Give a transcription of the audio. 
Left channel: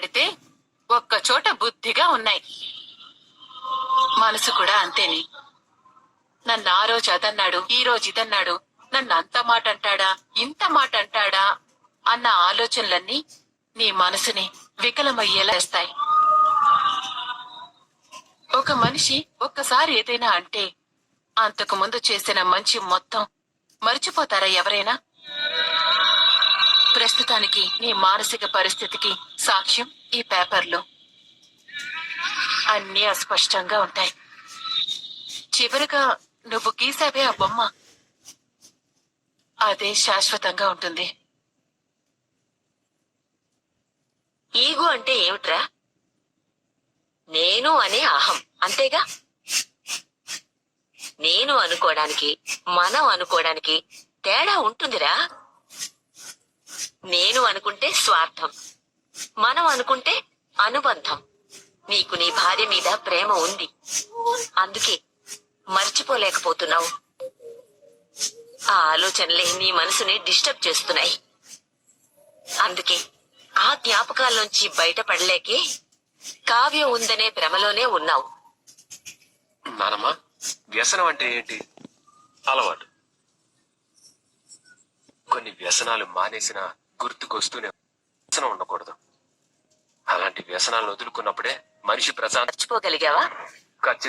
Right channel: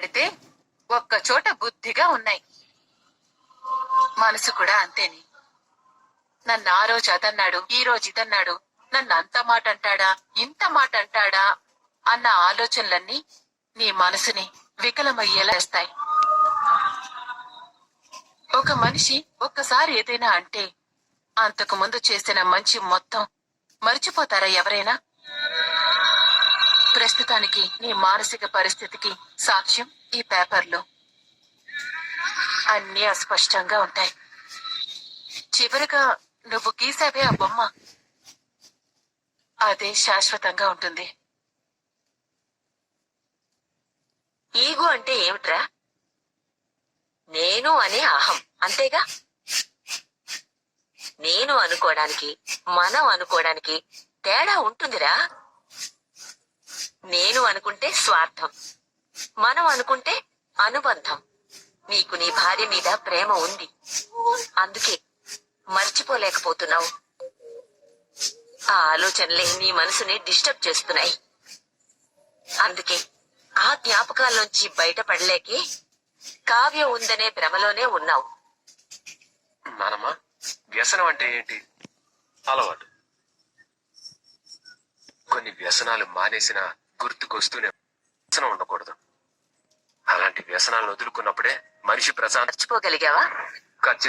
పెడితే ఒక్క చోట బుద్ధిగా ఉన్నాయి. మనసు కూడా అంతేని. నన్ను ఆ రోజు అదన్నాడు, ఈ రోజు ఇదన్నాడు, నన్ను అంత మాట అంటాడా, ఇంత మాట అంటాడా అన్న ఆలోచనలన్నీ నీ మనసుని వికలమయ్యేలా చేస్తాయి. ఒక మనిషి ఒక్కసారి ఏదైనా అంటే అంతకు ముందు చేసిన మంచి మొత్తం మర్చిపోతారా ఎవరైనా? ప్రస్తుతానికి నీ మానసిక పరిస్థితికి సాక్ష్యం ఈ పేపర్లు. అన్నీ అస్పష్టంగా ఉంటాయి. చివరిగా నువ్వు గీసావే ఆ బొమ్మ, అదే శాశ్వతంగా ఉంటుంది. ఈగో అంటే ఏమిట్రా? నేను అనే అహం, అంతేగా? నేను అనుకోవడానికి మనం అనుకోవడానికి తేడా ఉంటుందిరా. నేను అనుకుంటే స్వార్థం, మనం అనుకుంటే అనుబంధం. నీకు నీ భార్య మీద ప్రేమ ఉంది, అందుకే మర్చిపోలేకపోతున్నావు. ఆ ఆలోచనలే నీ మనసుని డిస్టర్బ్ చేస్తున్నాయి. అందుకే ఆ జ్ఞాపకాల్లోంచి బయటపడలేకే కావ్య ఉందనే భ్రమలోనే ఉన్నావు. నానమ్మా, వ్యసనం అంటే ఏంటి? అలవాటు. కొన్ని వ్యసనాలు మానేసిన గుర్తుకొస్తూనే వ్యసనం ఉండకూడదు. అలాంటి వ్యసనాలను వదులుకున్నప్పుడే మనిషి ప్రశాంత మర్చిపోగలిగావా? ఖచ్చితంగా